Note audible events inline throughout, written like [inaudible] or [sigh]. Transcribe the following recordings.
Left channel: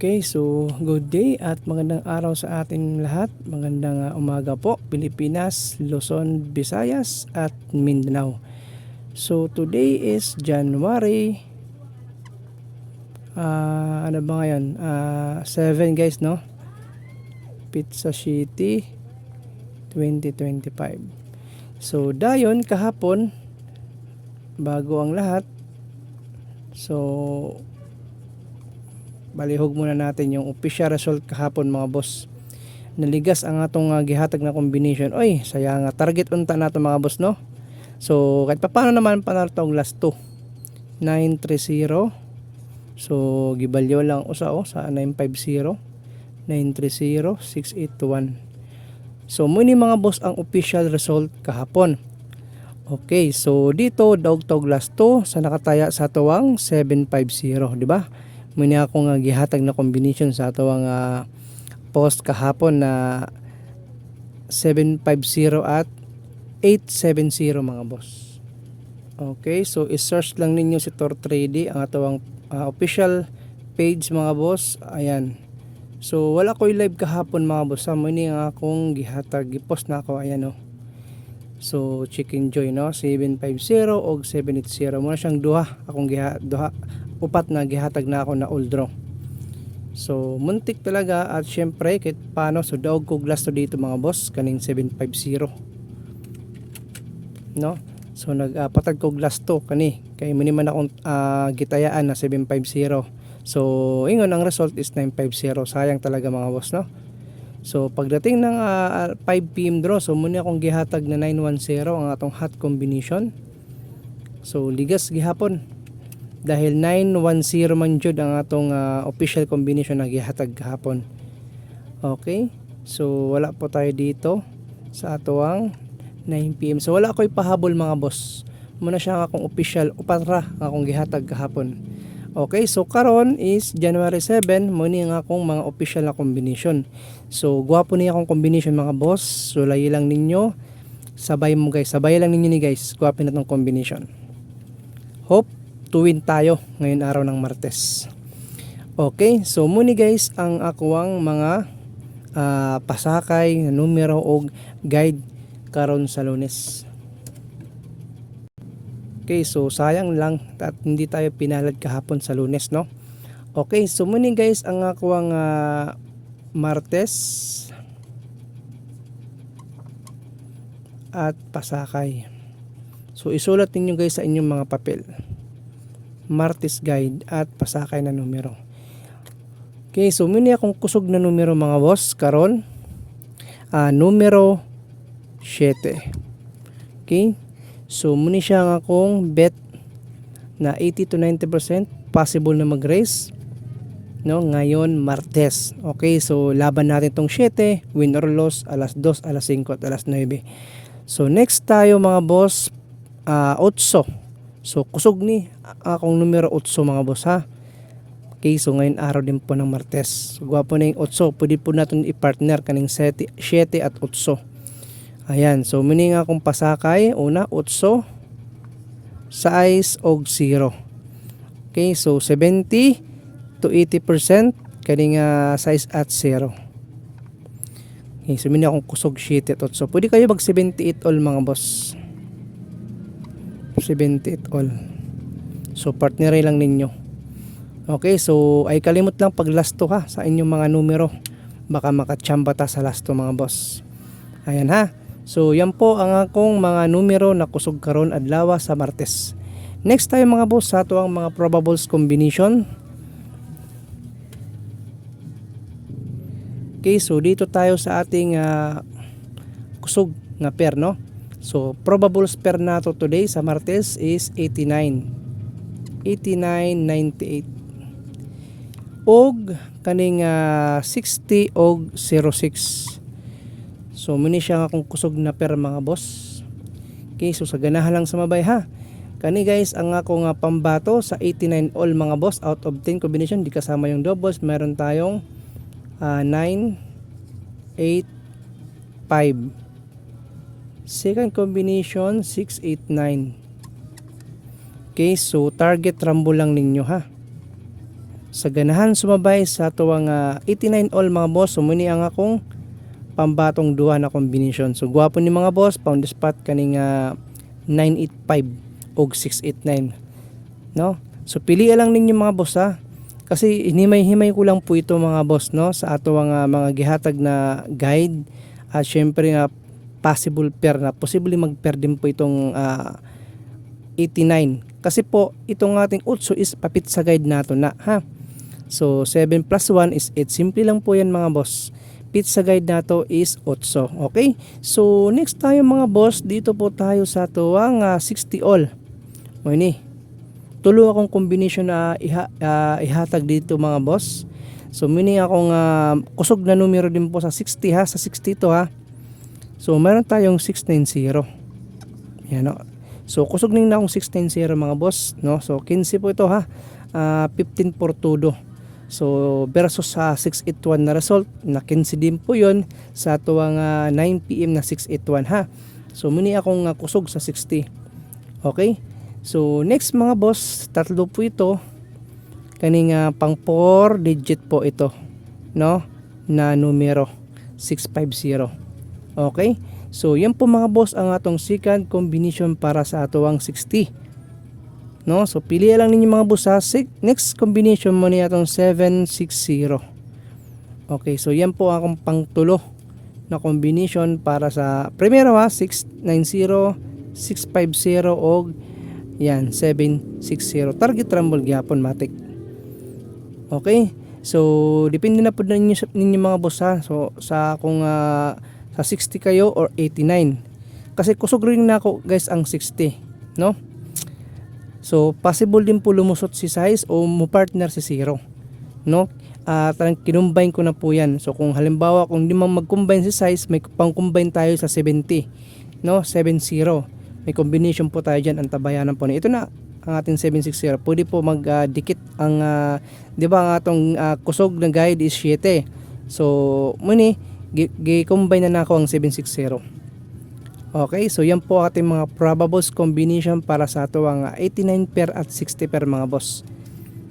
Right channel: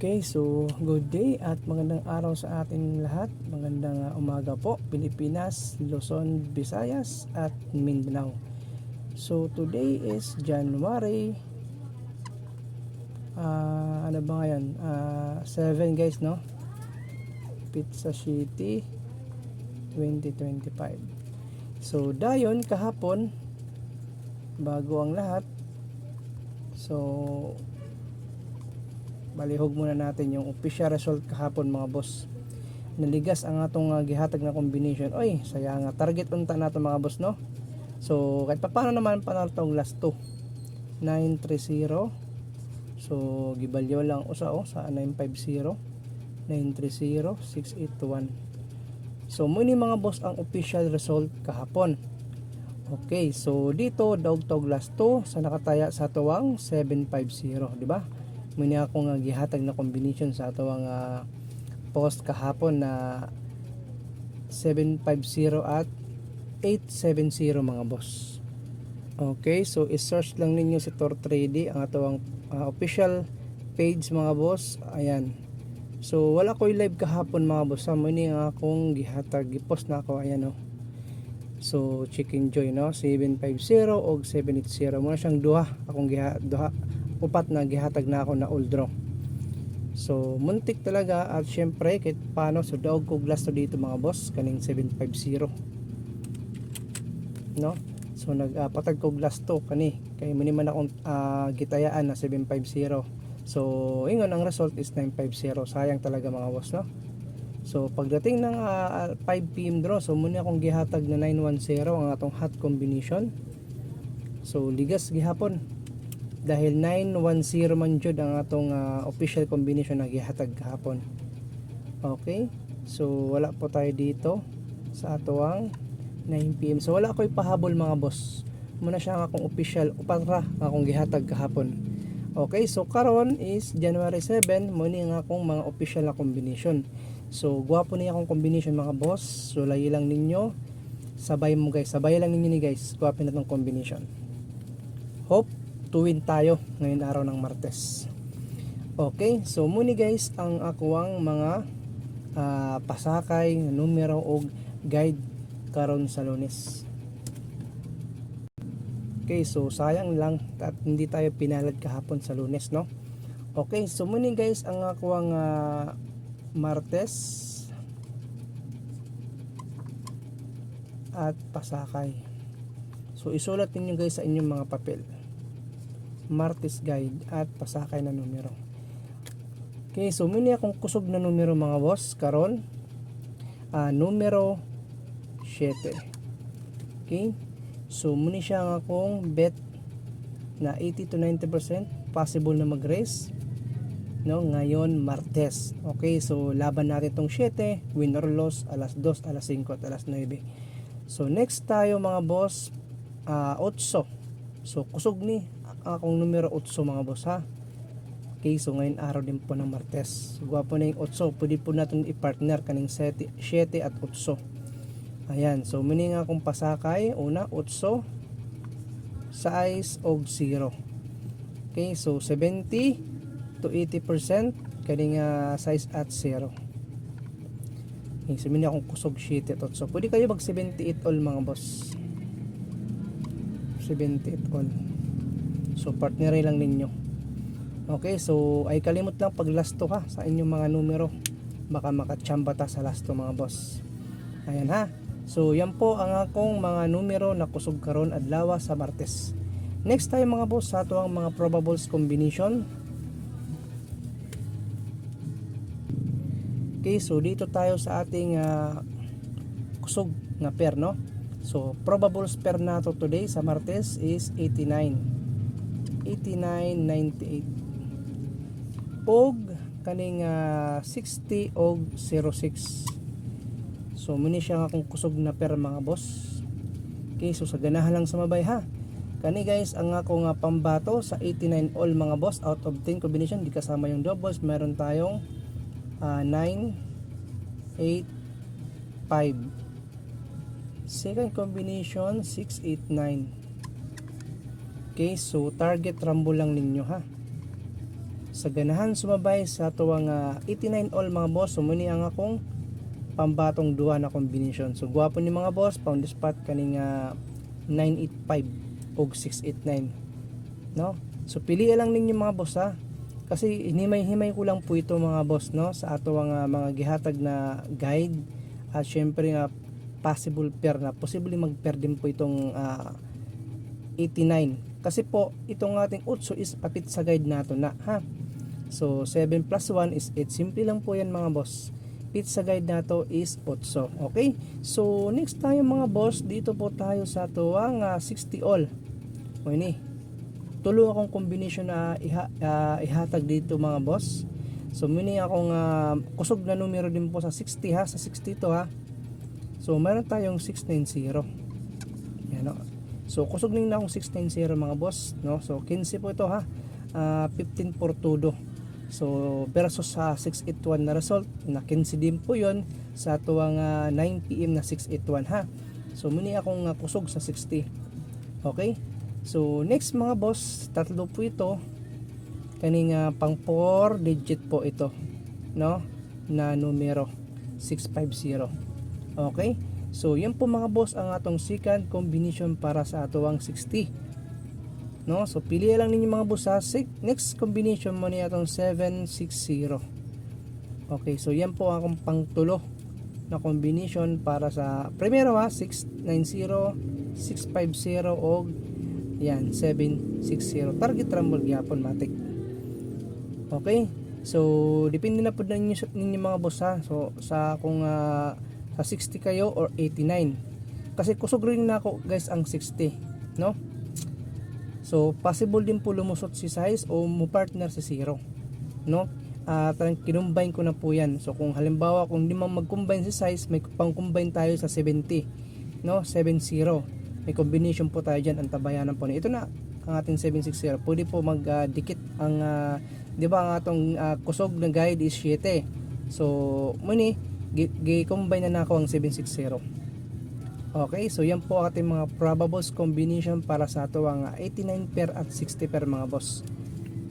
Okay, so good day at magandang araw sa atin lahat. Magandang uh, umaga po, Pilipinas, Luzon, Visayas at Mindanao. So today is January ah ano ba ngayon? Ah 7 guys, no? Pizza City 2025. So dayon kahapon bago ang lahat. So balihog muna natin yung official result kahapon mga boss. Naligas ang atong uh, gihatag na combination. Oy saya nga. Target unta nato mga boss no? So kahit paano naman panalo tong last 2 930 so gibalyo lang usa oh sa 950 930 681 so muni mga boss ang official result kahapon. Okay, so dito daog tog last 2 sa nakataya sa tuwang 750, di ba? Muni ako nga gihatag na combination sa ato nga post kahapon na 750 at 870 mga boss. Okay, so i-search lang ninyo si Tor Trade ang atawang uh, official page mga boss. Ayan. So wala ko live kahapon mga boss. Sa muni nga akong gihatag gipost na ako ayan oh. So chicken joy no 750 og 780 mo siyang duha akong giha duha upat na gihatag na ako na old draw. So muntik talaga at syempre kahit paano so daog ko glass to dito mga boss kaning 750. No? So nagpatag uh, ko glass to kani kay muni man akong uh, gitayaan na 750. So ingon ang result is 950. Sayang talaga mga boss no. So pagdating ng uh, 5 PM draw so muni akong gihatag na 910 ang atong hot combination. So ligas gihapon dahil 910 man jud ang atong uh, official combination na gihatag kahapon. Okay? So wala po tayo dito sa atuang 9 PM. So wala ko ipahabol mga boss. Muna siya akong official upatra akong gihatag kahapon. Okay, so karon is January 7, muni ang akong mga official na combination. So gwapo niya akong combination mga boss. So layi lang ninyo. Sabay mo guys, sabay lang ninyo ni guys. Gwapo na tong combination. Hope tuwin tayo ngayon araw ng Martes. Okay, so muni guys ang akuang mga uh, pasakay, numero o guide karon sa lunes. Okay, so sayang lang at hindi tayo pinalad kahapon sa lunes, no? Okay, so muni guys ang akuang uh, Martes at pasakay. So isulat ninyo guys sa inyong mga papel. Martis Guide at pasakay na numero. Okay, so muna akong kusog na numero mga boss karon. Uh, numero 7. Okay? So muna siya ang akong bet na 80 to 90% possible na mag-race no ngayon Martes. Okay, so laban natin tong 7, win or loss alas 2, alas 5 at alas 9. So next tayo mga boss uh, 8. So kusog ni akong numero 8 mga boss ha. Okay, so ngayon araw din po ng Martes. Gwapo na yung 8. Pwede po natin i-partner kaning 7, 7 at 8. Ayan, so muni nga akong pasakay. Una, 8. Size og 0. Okay, so 70 to 80% kaning uh, size at 0. Okay, so muni akong kusog 7 at 8. Pwede kayo mag 78 all mga boss. 78 all. So partnerin lang ninyo. Okay, so ay kalimot lang pag last to ha sa inyong mga numero. Baka makachamba ta sa last to mga boss. Ayan ha. So yan po ang akong mga numero na kusog karon adlaw sa Martes. Next tayo mga boss sa ato ang mga probables combination. Okay, so dito tayo sa ating uh, kusog nga pair no. So probables pair nato today sa Martes is 89. 89.98 og kaning uh, 60 og 06 so muni siya nga akong kusog na per mga boss. Okay so sa ganahan lang sa mabay ha? Kani guys ang ako nga pambato sa 89 all mga boss out of 10 combination. Di kasama yung doubles. Meron tayong uh, 9 8 5 second combination 6 8 9 Okay, so target rambo lang ninyo ha. sa ganahan sumabay sa tuwang ah, 89 all mga boss. Sumuni ang akong pambatong duha na combination so gwapo ni mga boss pound spot kaning ah, 985 og 689 no? So pili lang ninyo mga boss ha? Kasi hinimay-himay ko lang po ito mga boss no? Sa ato nga mga gihatag na guide. At syempre nga possible pair na. Posible mag-pair din po itong ah, 89 kasi po itong ating utso is papit sa guide nato na ha? So 7 plus 1 is 8 simple lang po yan mga boss. Pizza guide nato is 8 okay? So next tayo mga boss. Dito po tayo sa tuwang ah, 60 all. O ini. Tulo akong combination na iha, ah, ihatag dito mga boss. So mini akong ah, kusog na numero din po sa 60 ha? Sa 60 to ha? So meron tayong 690 yan o so kusog na akong 690 mga boss no so 15 po ito ha Ah, 15 por todo So versus sa 681 na result na 15 din po yon sa tuwang ah, 9pm na 681 ha. So muni akong ah, kusog sa 60. Okay? So next mga boss, tatlo po ito. Kaning ah, pang 4 digit po ito, no? Na numero 650. Okay? So yan po mga boss ang atong second combination para sa atuang 60 no? So pili lang ninyo mga boss ha? Next combination mo niya itong 760 okay so yan po akong pangtulo na combination para sa primero ha? 690 650 o yan 760 target rumble gyapon matik okay? So depende na po ninyo, ninyo mga boss ha? So sa kung ah, sa 60 kayo or 89 kasi kusog rin na ako guys ang 60 no So, possible din po lumusot si size o mo partner si zero. No? Ah, parang kinumbine ko na po yan. So, kung halimbawa, kung di man mag-combine si size, may pang-combine tayo sa 70. No? 70. May combination po tayo dyan. Ang tabayanan po na. Ito na ang ating 760. Pwede po mag-dikit ang, ah, di ba, ang atong ah, kusog na guide is 7. So, muni, gi-combine na na ako ang 760. Okay, so yan po ating mga probables combination para sa ito ang 89 pair at 60 pair mga boss.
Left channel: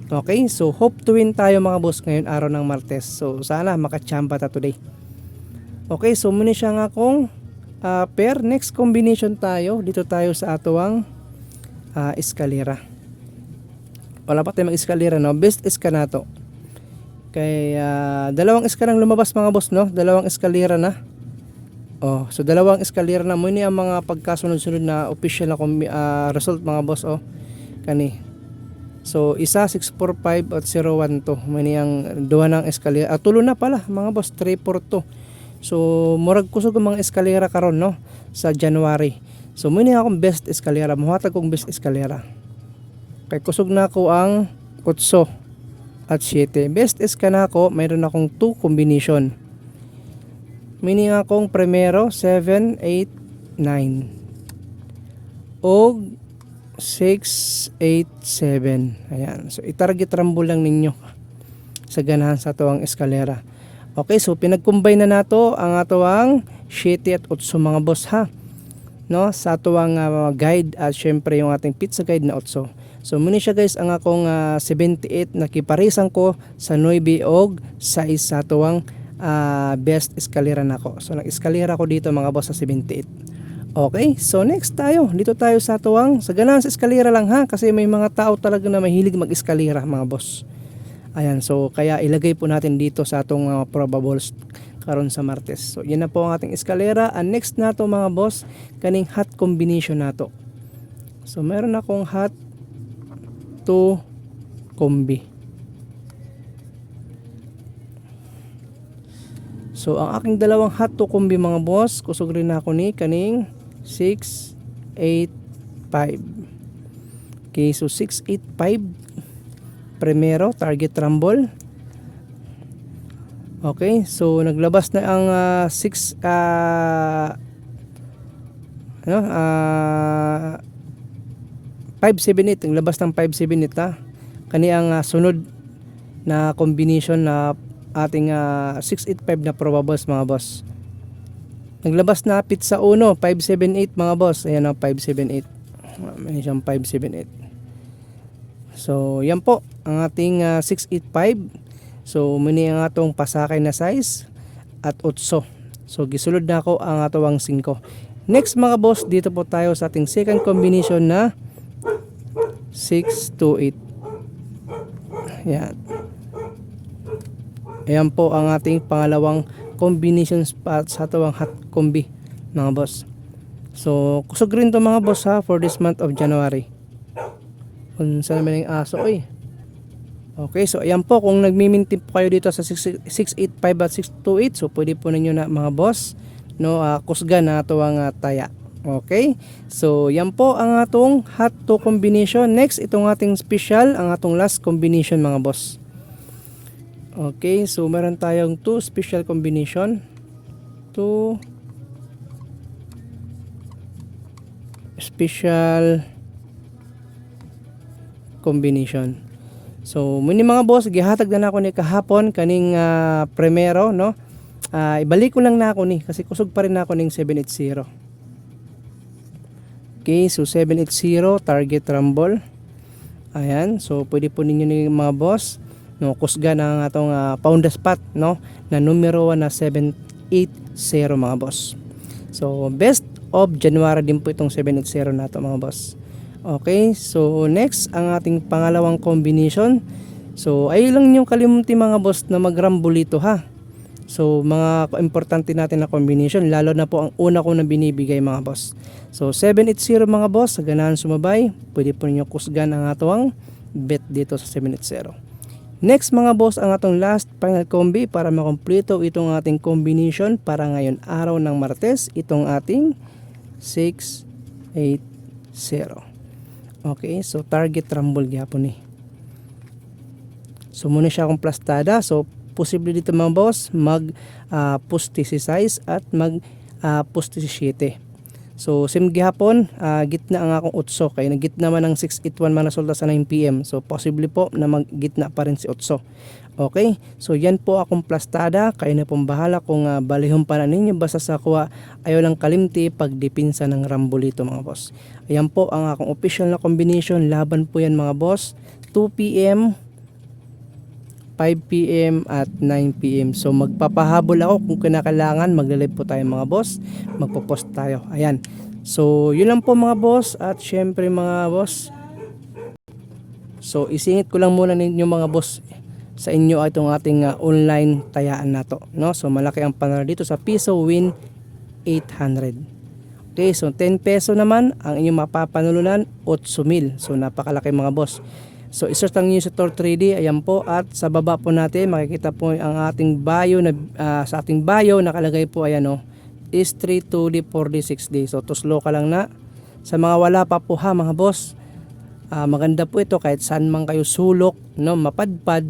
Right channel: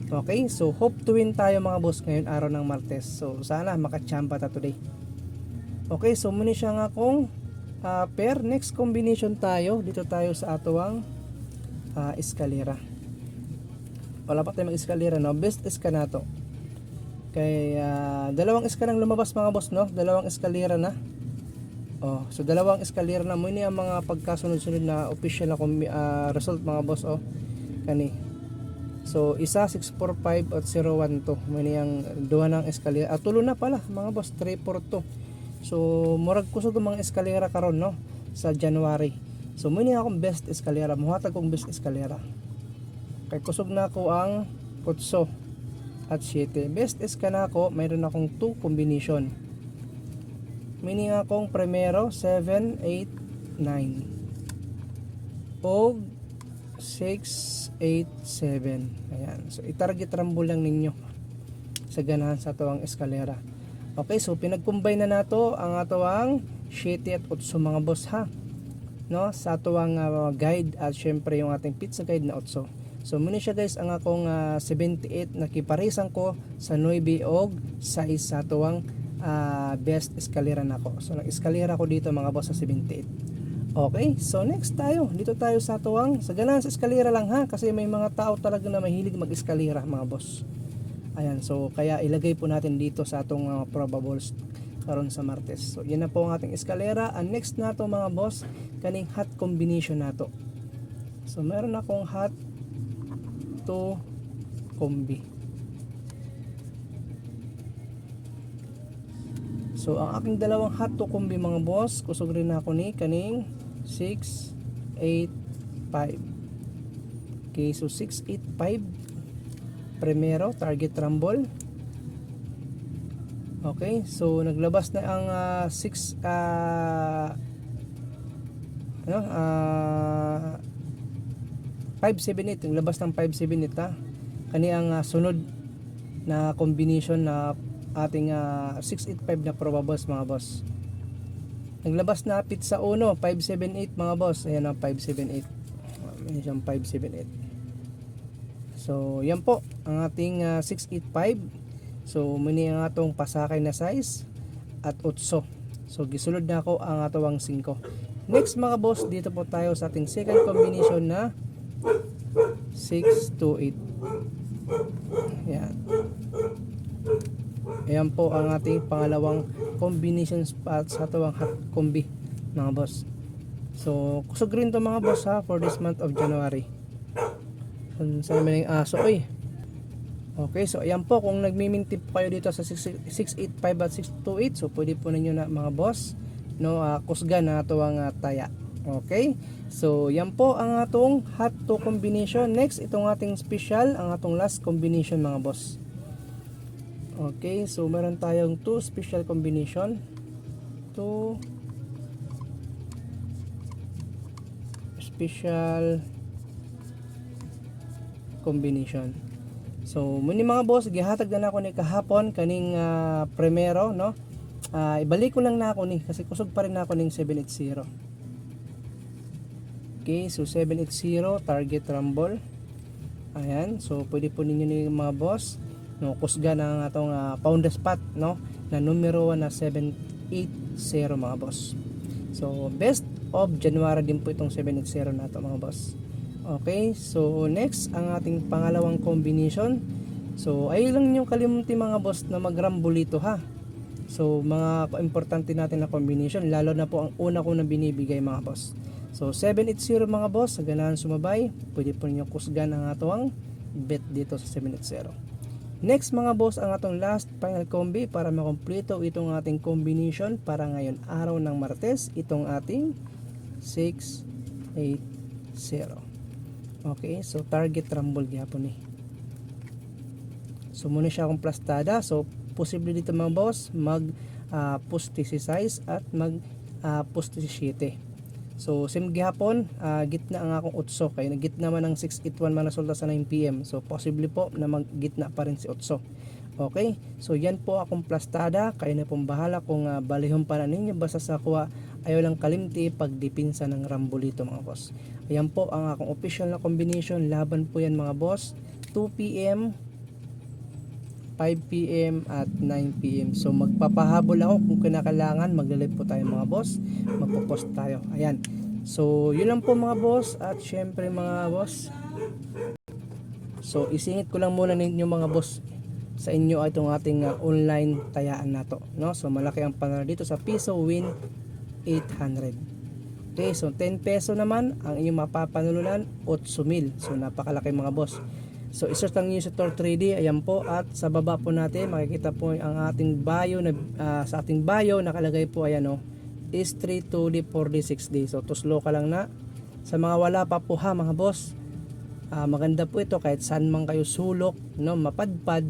Okay, so hope to win tayo mga boss ngayon araw ng Martes. So sana makachamba ta today. Okay, so muna siya nga akong ah, pair. Next combination tayo. Dito tayo sa atuang uh, eskalera. Wala pa tayong eskalera no. Best iska na to. Kay ah, dalawang iska lang lumabas mga boss no. Dalawang eskalera na. Oh, so dalawang eskalera na mo ang mga pagkasunod-sunod na official na ah, result mga boss oh. Kani. So isa 645 at 012. Mo ang duha ng eskalera. Ah, tulo na pala mga boss 342. So murag kusog ang mga eskalera karon no sa January. So mo ini akong best eskalera. Muhatag kong best eskalera. Kay kusog na ako ang kutso at 7. Best eska na ako, mayroon akong 2 combination. Meaning akong primero 7, 8, 9. Og 6, 8, 7. Ayan. So itarget rambo lang ninyo [laughs] sa ganahan sa tuwang eskalera. Okay, so pinag-combine na nato ang atuang 7 at 8 mga boss ha. No, sa tuwang ah, guide at syempre yung ating pizza guide na 8. So muna siya guys ang akong ah, 78 na kiparisan ko sa 9 og sa isa tuwang ah, best eskalera na ako. So nag-eskalera ko dito mga boss sa 78. Okay, so next tayo. Dito tayo sa tuwang sa ganahan sa eskalera lang ha kasi may mga tao talaga na mahilig mag-eskalera mga boss. Ayan, so kaya ilagay po natin dito sa atong uh, probables karon sa Martes. So yan na po ang ating eskalera. And next na to mga boss, kaning hot combination nato. So meron akong hot to combi. So ang aking dalawang hot to combi mga boss, kusog rin ako ni kaning 6 8 5. Okay, so 6 8 5 primero target rumble. Okay, so naglabas na ang 6 ah ano ah 578 naglabas ng 578 ha. Kani ang ah, sunod na combination na ating ah, 685 na probables mga boss. Naglabas na pizza 1 578 mga boss. Ayan ang 578. May siyang 578. So, yan po ang ating ah, 685. So, muni ang atong pasakay na size at 8. So, gisulod na ako ang atong 5. Next mga boss, dito po tayo sa ating second combination na 6 to 8. Yan. Ayan po ang ating pangalawang combination spot sa atawang hot combi mga boss. So, kusog rin to mga boss ha for this month of January. Kung saan naman yung aso eh. Okay, so ayan po kung nagmi-maintain po kayo dito sa 6- 685 at 628, so pwede po ninyo na mga boss no uh, kusga na ato ang ah, taya. Okay? So yan po ang atong hot to combination. Next itong ating special, ang atong last combination mga boss. Okay, so meron tayong two special combination. Two special combination. So, muni mga boss, gihatag na ako ni kahapon kaning ah, primero, no? Ah, ibalik ko lang na ako ni kasi kusog pa rin ako ning 780. Okay, so 780 target rumble. Ayan, so pwede po ninyo ni mga boss no kusga na ang atong uh, pound spot no na numero 1 na 780 mga boss. So best of January din po itong 780 nato mga boss. Okay, so next ang ating pangalawang combination. So ay lang niyo kalimutin mga boss na mag-rumble ito ha. So mga importante natin na combination lalo na po ang una ko na binibigay mga boss. So 780 mga boss, sa ganahan sumabay, pwede po ninyo kusgan ang atong bet dito sa 780. Next mga boss ang atong last final combi para makompleto itong ating combination para ngayon araw ng Martes itong ating 680. Okay, so target rumble gyapon ni. So muna siya akong plastada. So posible dito mga boss mag uh, pusti si size at mag uh, pusti si 7. So sim gihapon, uh, gitna ang akong utso kay nagitna man ang 681 man resulta sa 9 PM. So possible po na maggitna pa rin si utso. Okay? So yan po akong plastada, kayo na pong bahala kung uh, balihon pa na ninyo basta sa kuha ayaw lang kalimti pagdipinsa ng rambolito mga boss. Ayan po ang akong official na combination, laban po yan mga boss. 2 PM 5 p.m. at 9 p.m. So magpapahabol ako kung kinakailangan magla-live po tayo mga boss. Magpo-post tayo. Ayan. So yun lang po mga boss at syempre mga boss. So isingit ko lang muna ninyo mga boss sa inyo itong ating uh, online tayaan na to. No? So malaki ang panalo dito sa Piso Win 800. Okay, so 10 peso naman ang inyong mapapanulunan 8,000. So napakalaki mga boss. So isearch lang niyo sa Tor 3D, ayan po at sa baba po natin makikita po ang ating bio na ah, sa ating bio nakalagay po ayan oh is 3 2D 4D 6D. So tuslo ka lang na. Sa mga wala pa po ha mga boss. ah, maganda po ito kahit saan man kayo sulok, no, mapadpad,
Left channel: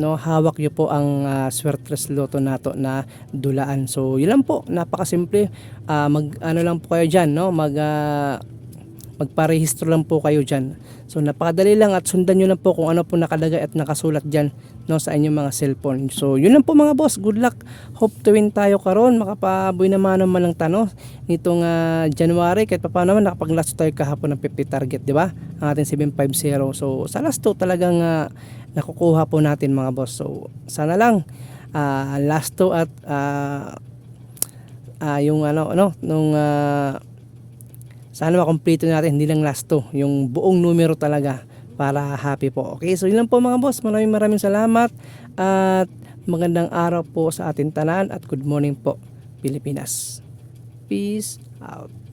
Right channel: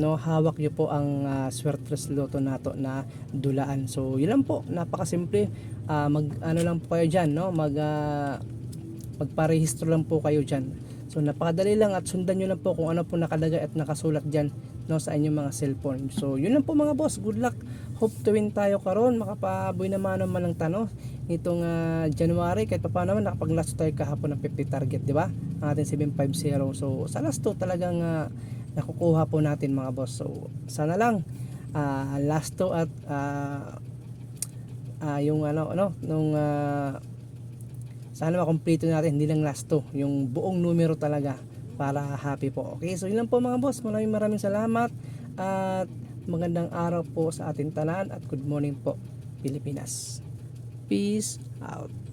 no, hawak niyo po ang uh, Swertres Lotto nato na dulaan. So yun lang po, napakasimple. Ah, mag ano lang po kayo diyan, no, mag ah, magparehistro lang po kayo diyan. So napakadali lang at sundan nyo lang po kung ano po nakalagay at nakasulat dyan no, sa inyong mga cellphone. So yun lang po mga boss, good luck. Hope to win tayo karon makapaboy naman naman lang tano nitong uh, January kahit pa naman nakapag-last tayo kahapon ng 50 target, di ba? Ang ating 750. So sa last to talagang uh, nakukuha po natin mga boss. So sana lang uh, last to at uh, uh, yung ano ano nung uh, sana makompleto natin hindi lang last to yung buong numero talaga para happy po. Okay so yun lang po mga boss. Maraming maraming salamat at magandang araw po sa ating tanan at good morning po Pilipinas. Peace out